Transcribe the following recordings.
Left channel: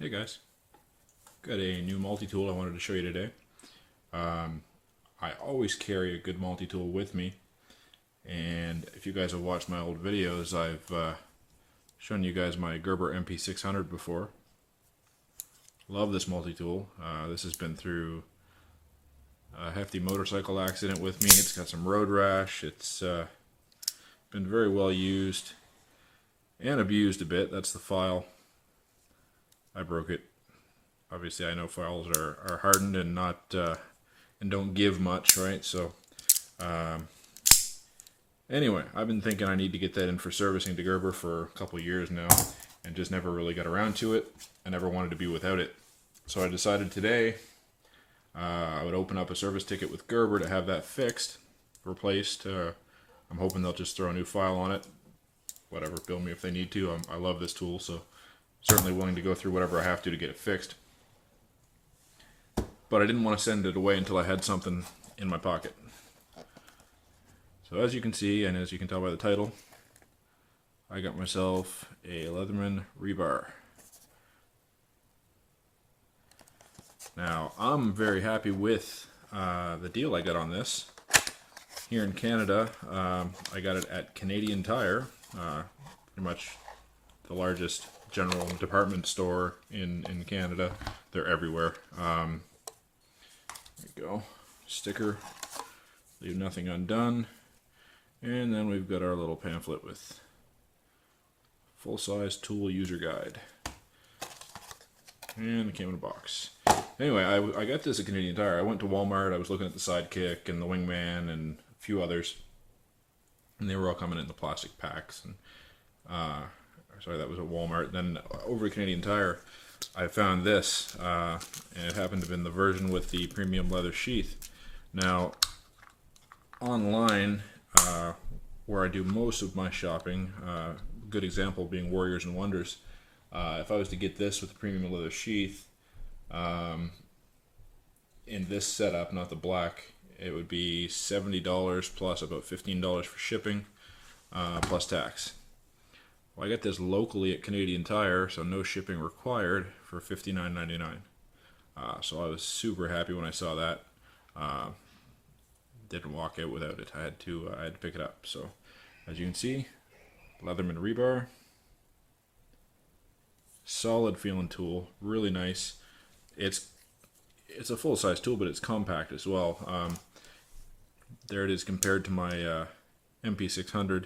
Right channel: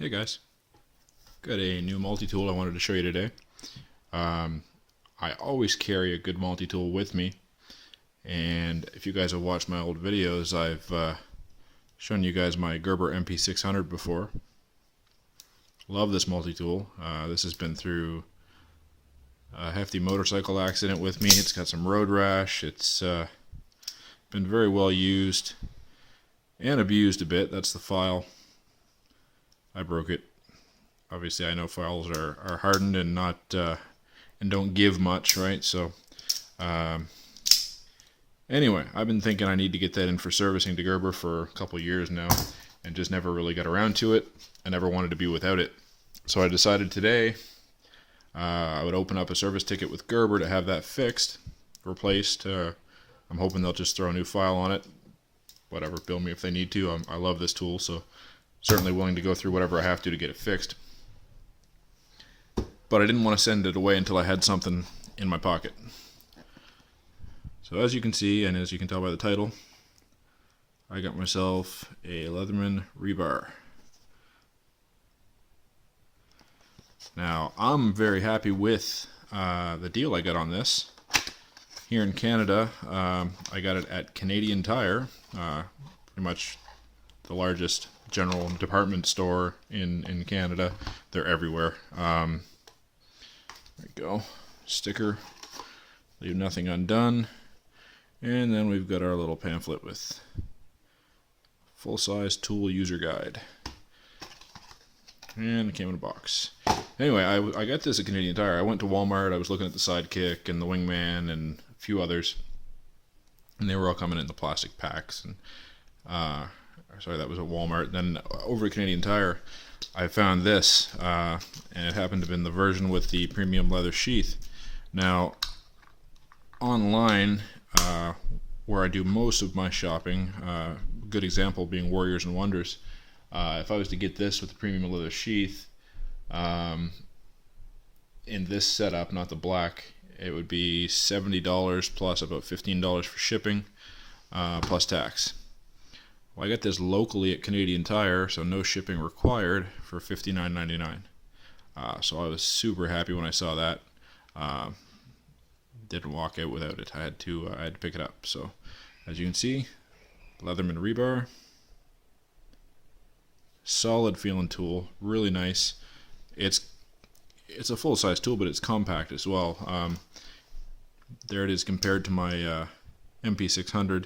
Hey guys, got a new multi-tool I wanted to show you today. I always carry a good multi-tool with me, and if you guys have watched my old videos, I've shown you guys my Gerber MP600 before. Love this multi-tool. This has been through a hefty motorcycle accident with me. It's got some road rash. It's been very well used and abused a bit. That's the file. I broke it. Obviously, I know files are hardened and not and don't give much, right? So, anyway, I've been thinking I need to get that in for servicing to Gerber for a couple years now, and just never really got around to it. I never wanted to be without it, so I decided today I would open up a service ticket with Gerber to have that fixed, replaced. I'm hoping they'll just throw a new file on it. Whatever, bill me if they need to. I love this tool, so certainly willing to go through whatever I have to get it fixed. But I didn't want to send it away until I had something in my pocket. So as you can see, and as you can tell by the title, I got myself a Leatherman Rebar. Now, I'm very happy with the deal I got on this. Here in Canada, I got it at Canadian Tire, pretty much the largest general department store in Canada. They're everywhere. There we go. Sticker. Leave nothing undone. And then we've got our little pamphlet with full-size tool user guide. And it came in a box. Anyway, I got this at Canadian Tire. I went to Walmart. I was looking at the Sidekick and the Wingman and a few others. And they were all coming in the plastic packs. And sorry, that was at Walmart. Then over at Canadian Tire, I found this, and it happened to have been the version with the premium leather sheath. Now, online, where I do most of my shopping, a good example being Warriors and Wonders, if I was to get this with the premium leather sheath, in this setup, not the black, it would be $70 plus about $15 for shipping, plus tax. Well, I got this locally at Canadian Tire, so no shipping required, for $59.99. So I was super happy when I saw that. Didn't walk out without it. I had to pick it up. So, as you can see, Leatherman Rebar. Solid feeling tool, really nice. It's a full-size tool, but it's compact as well. There it is compared to my MP600.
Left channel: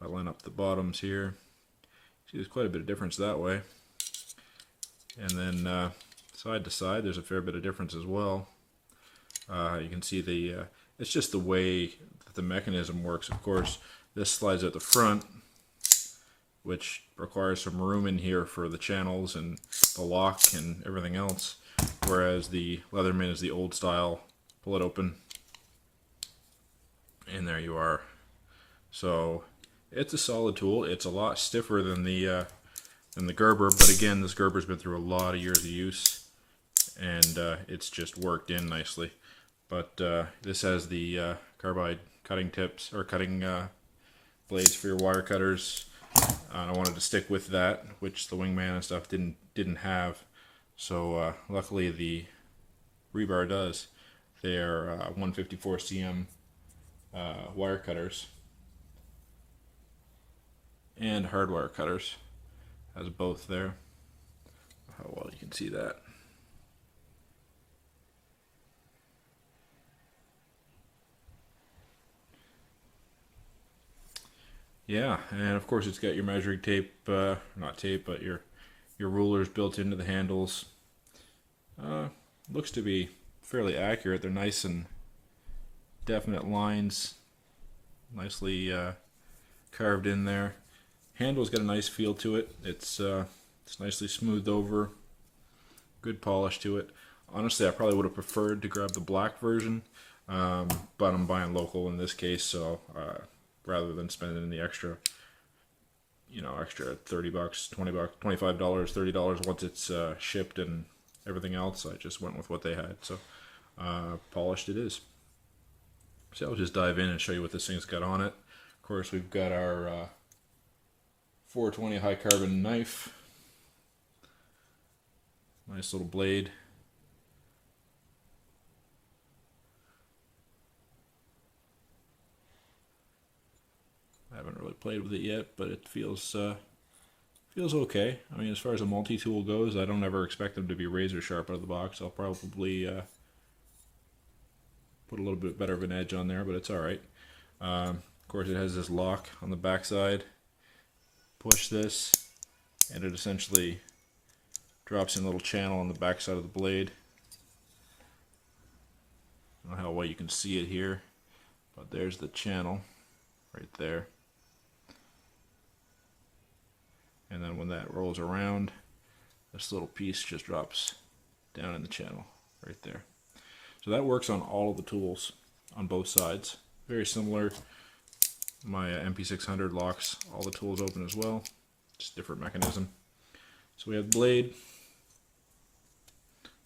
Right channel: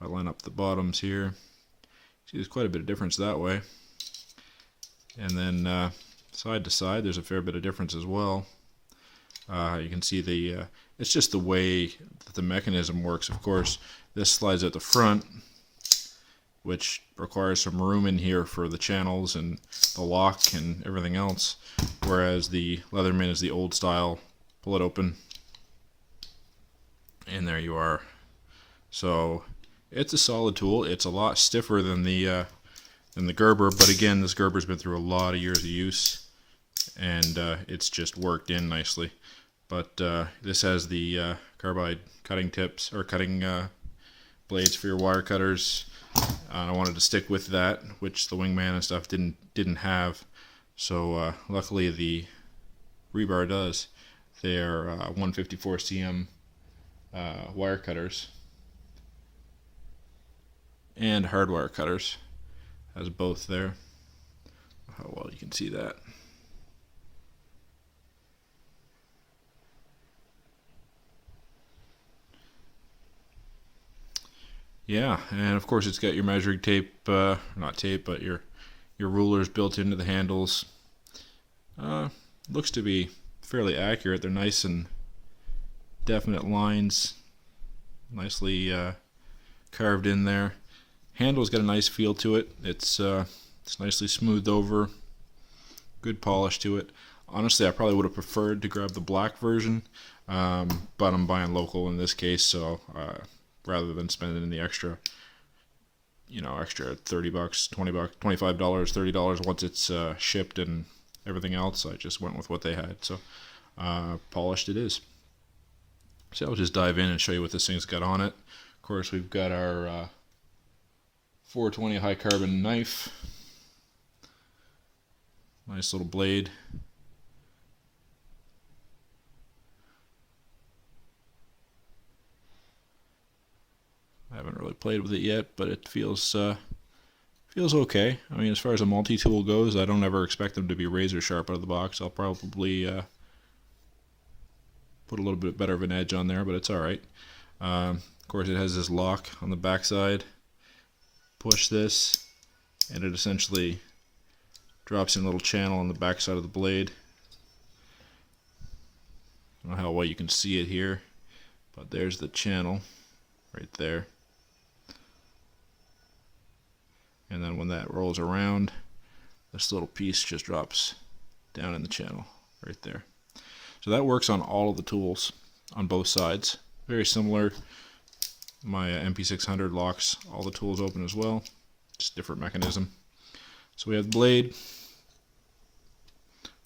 I line up the bottoms here. See, there's quite a bit of difference that way. And then side to side, there's a fair bit of difference as well. You can see it's just the way that the mechanism works. Of course, this slides at the front, which requires some room in here for the channels and the lock and everything else. Whereas the Leatherman is the old style, pull it open, and there you are. So it's a solid tool. It's a lot stiffer than the Gerber, but again, this Gerber's been through a lot of years of use, and it's just worked in nicely. But this has the carbide cutting tips, or cutting blades for your wire cutters. I wanted to stick with that, which the Wingman and stuff didn't have. So luckily the Rebar does. They are 154 cm wire cutters and hardwire cutters. Has both there. How well you can see that. Yeah, and of course it's got your measuring tape, not tape, but your rulers built into the handles. Looks to be fairly accurate. They're nice and definite lines, nicely carved in there. Handle's got a nice feel to it. It's nicely smoothed over, good polish to it. Honestly, I probably would have preferred to grab the black version, but I'm buying local in this case, so rather than spending the extra $30, $20, $25, $30 once it's shipped and everything else, I just went with what they had. So polished it is. So I'll just dive in and show you what this thing's got on it. Of course, we've got our 420 high carbon knife. Nice little blade. I haven't really played with it yet, but it feels okay. I mean, as far as a multi-tool goes, I don't ever expect them to be razor sharp out of the box. I'll probably put a little bit better of an edge on there, but it's alright. Of course, it has this lock on the back side. Push this, and it essentially drops in a little channel on the back side of the blade. I don't know how well you can see it here, but there's the channel right there. And then when that rolls around, this little piece just drops down in the channel right there. So that works on all of the tools on both sides. Very similar. My MP600 locks all the tools open as well. Just different mechanism. So we have the blade.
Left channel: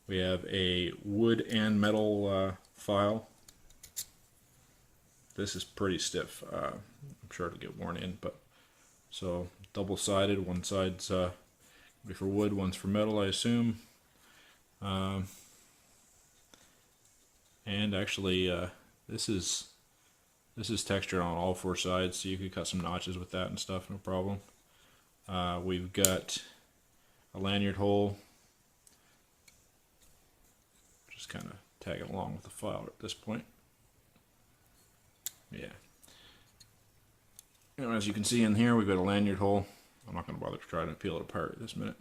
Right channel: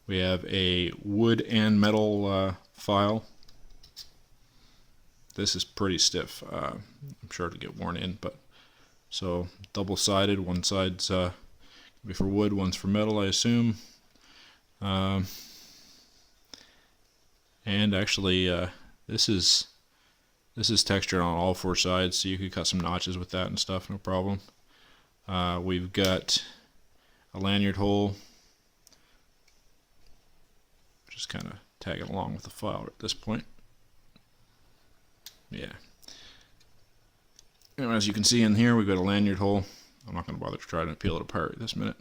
We have a wood and metal file. This is pretty stiff. I'm sure it'll get worn in, but so double-sided. One side's be for wood, one's for metal, I assume. And actually, this is textured on all four sides, so you could cut some notches with that and stuff, no problem. We've got a lanyard hole. Just kind of tagging along with the file at this point. Yeah. And as you can see in here, we've got a lanyard hole. I'm not going to bother to try to peel it apart at this minute.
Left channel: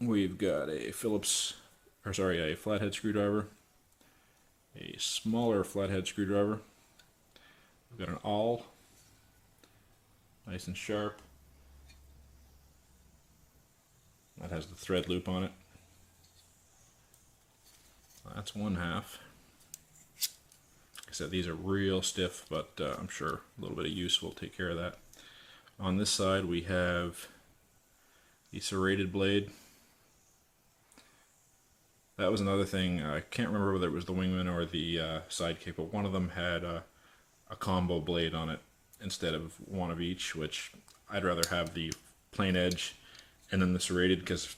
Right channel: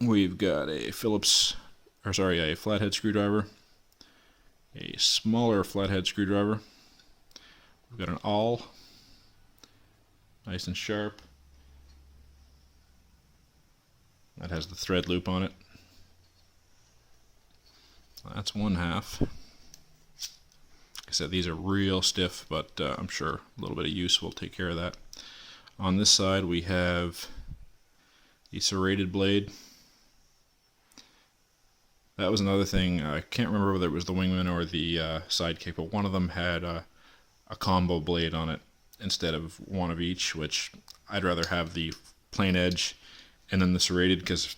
We've got a a flathead screwdriver, a smaller flathead screwdriver. We've got an awl, nice and sharp. That has the thread loop on it. That's one half. Like I said, these are real stiff, but I'm sure a little bit of use will take care of that. On this side, we have the serrated blade. That was another thing. I can't remember whether it was the Wingman or the Sidekick, but one of them had a combo blade on it instead of one of each, which I'd rather have the plain edge and then the serrated, because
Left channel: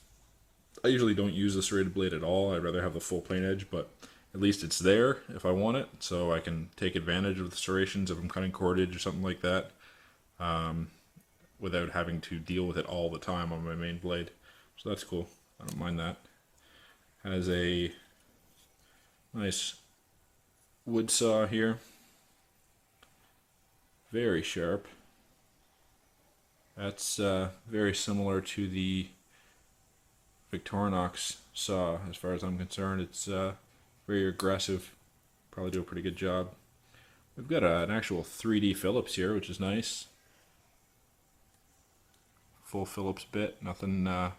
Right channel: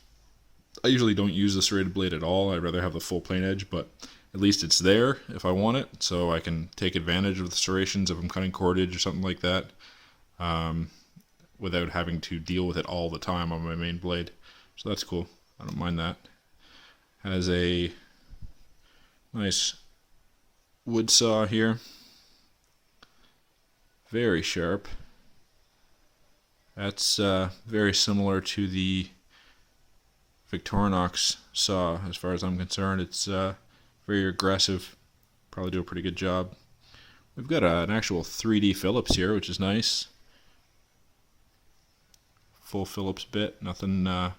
I usually don't use the serrated blade at all. I'd rather have the full plain edge, but at least it's there if I want it, so I can take advantage of the serrations if I'm cutting cordage or something like that, without having to deal with it all the time on my main blade. So that's cool. I don't mind that. Has a nice wood saw here. Very sharp. That's very similar to the Victorinox saw as far as I'm concerned. It's very aggressive. Probably do a pretty good job. We've got an actual 3D Phillips here, which is nice. Full Phillips bit. Nothing, not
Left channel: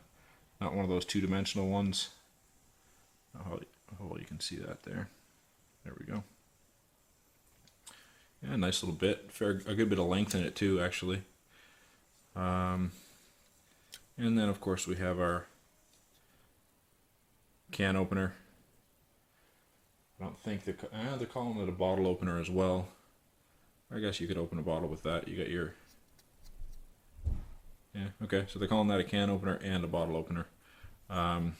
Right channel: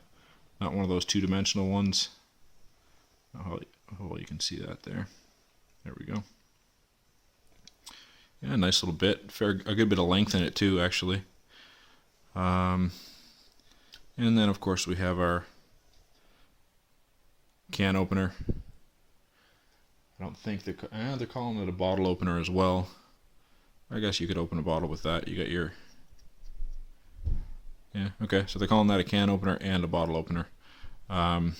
one of those two-dimensional ones. How well you can see that there. There we go. Yeah, nice little bit. A good bit of length in it too, actually. And then of course we have our can opener. I don't think they're calling it a bottle opener as well. I guess you could open a bottle with that. You got your... Yeah, okay, so they're calling that a can opener and a bottle opener. I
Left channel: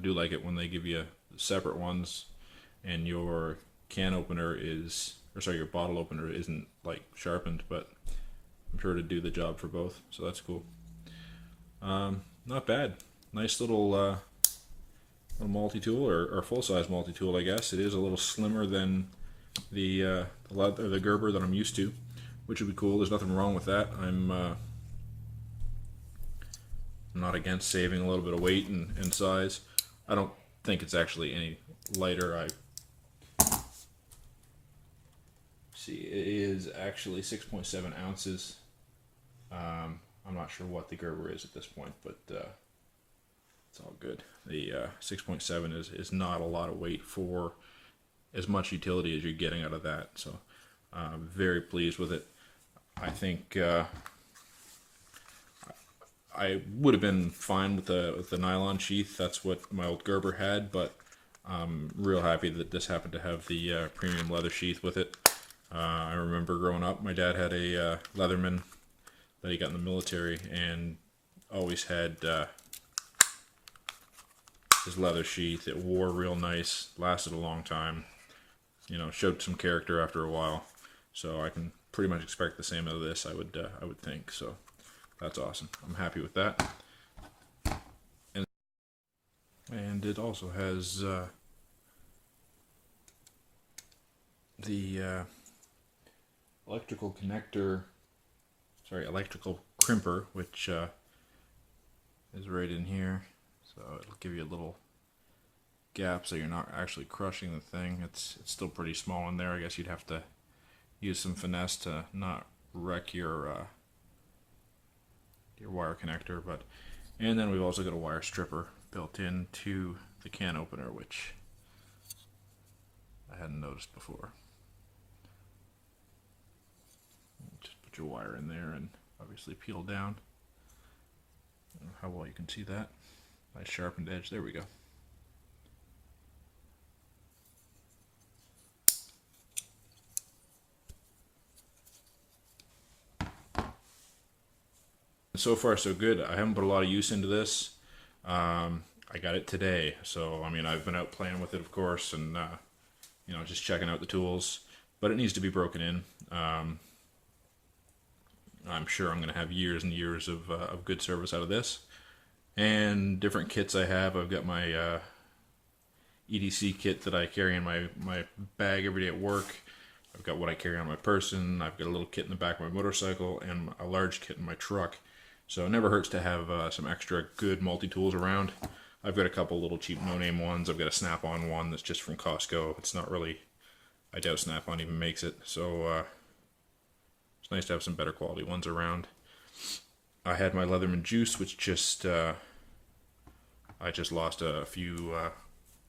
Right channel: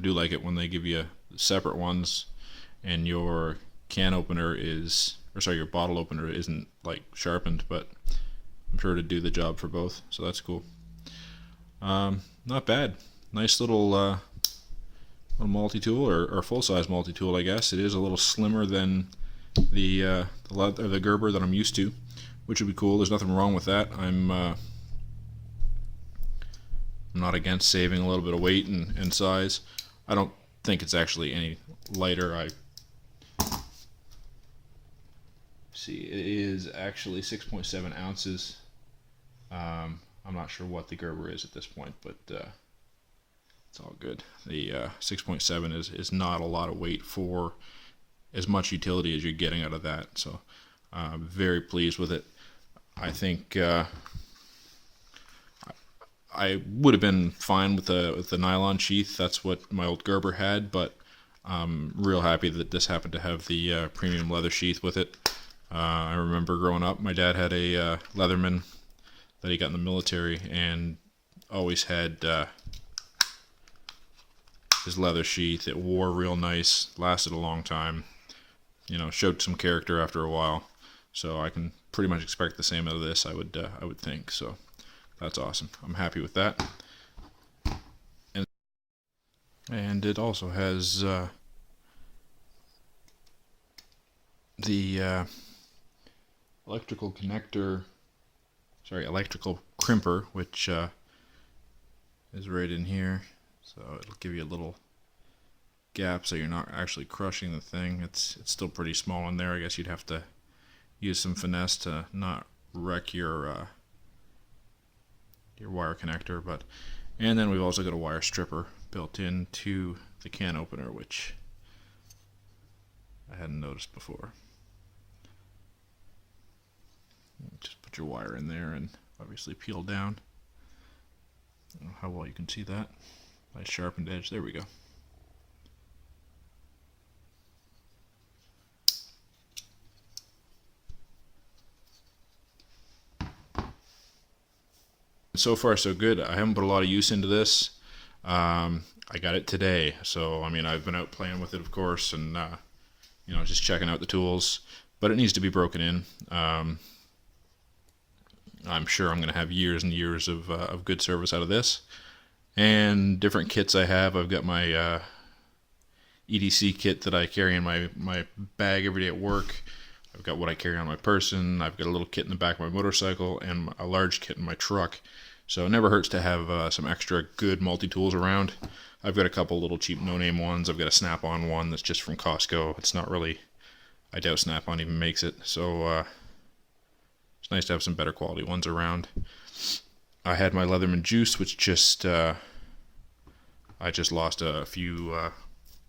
do like it when they give you separate ones and your can opener is, or sorry, your bottle opener isn't like sharpened, but I'm sure to do the job for both, so that's cool. Not bad. Nice little multi-tool, or full-size multi-tool, I guess. It is a little slimmer than the Gerber that I'm used to, which would be cool. There's nothing wrong with that. I'm not against saving a little bit of weight and size. I don't think it's actually any lighter. See, it is actually 6.7 ounces. I'm not sure what the Gerber is at this point, but it's all good. The 6.7 is not a lot of weight for as much utility as you're getting out of that, so I'm very pleased with it. I think I would have been fine with the nylon sheath. That's what my old Gerber had, but I'm real happy that this happened to have the premium leather sheath with it. I remember growing up, my dad had a Leatherman that he got in the military and always had his leather sheath. It wore real nice, lasted a long time. You know, showed some character after a while. So I can pretty much expect the same out of this, I would think. So that's awesome. I'm happy with that. And it also has the electrical crimper, which is right in here. So it'll give you a little gap so you're not actually crushing the thing. It's still pretty small in there. I guess you'd have to use some finesse to not wreck your wire connector. And then we've also got a wire stripper built into the can opener, which I hadn't noticed before. Just put your wire in there and obviously peel down. I don't know how well you can see that. Nice sharpened edge. There we go. So far so good. I haven't put a lot of use into this. I got it today, so I mean, I've been out playing with it, of course, and you know, just checking out the tools. But it needs to be broken in. I'm sure I'm going to have years and years of good service out of this. And different kits I have. I've got my EDC kit that I carry in my bag every day at work. I've got what I carry on my person. I've got a little kit in the back of my motorcycle and a large kit in my truck. So it never hurts to have some extra good multi-tools around. I've got a couple little cheap no-name ones. I've got a Snap-on one that's just from Costco. It's not really, I doubt Snap-on even makes it. So it's nice to have some better quality ones around. I had my Leatherman Juice, which just I just lost a few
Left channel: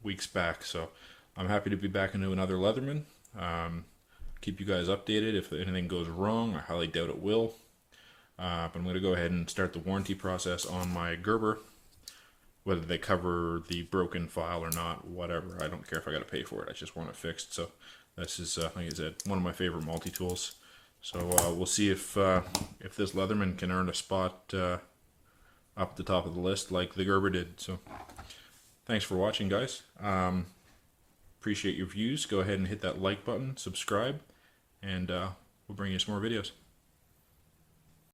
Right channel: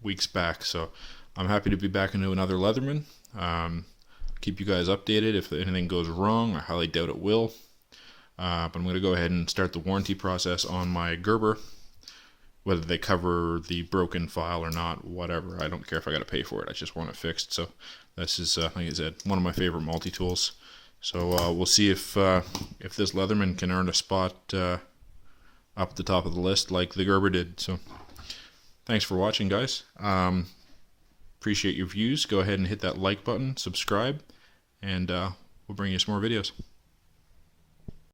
weeks back. So I'm happy to be back into another Leatherman. Keep you guys updated if anything goes wrong. I highly doubt it will. But I'm going to go ahead and start the warranty process on my Gerber. Whether they cover the broken file or not, whatever. I don't care if I got to pay for it. I just want it fixed. So this is, like I said, one of my favorite multi-tools. So we'll see if this Leatherman can earn a spot up at the top of the list like the Gerber did. So thanks for watching, guys. Appreciate your views. Go ahead and hit that like button, subscribe, and we'll bring you some more videos.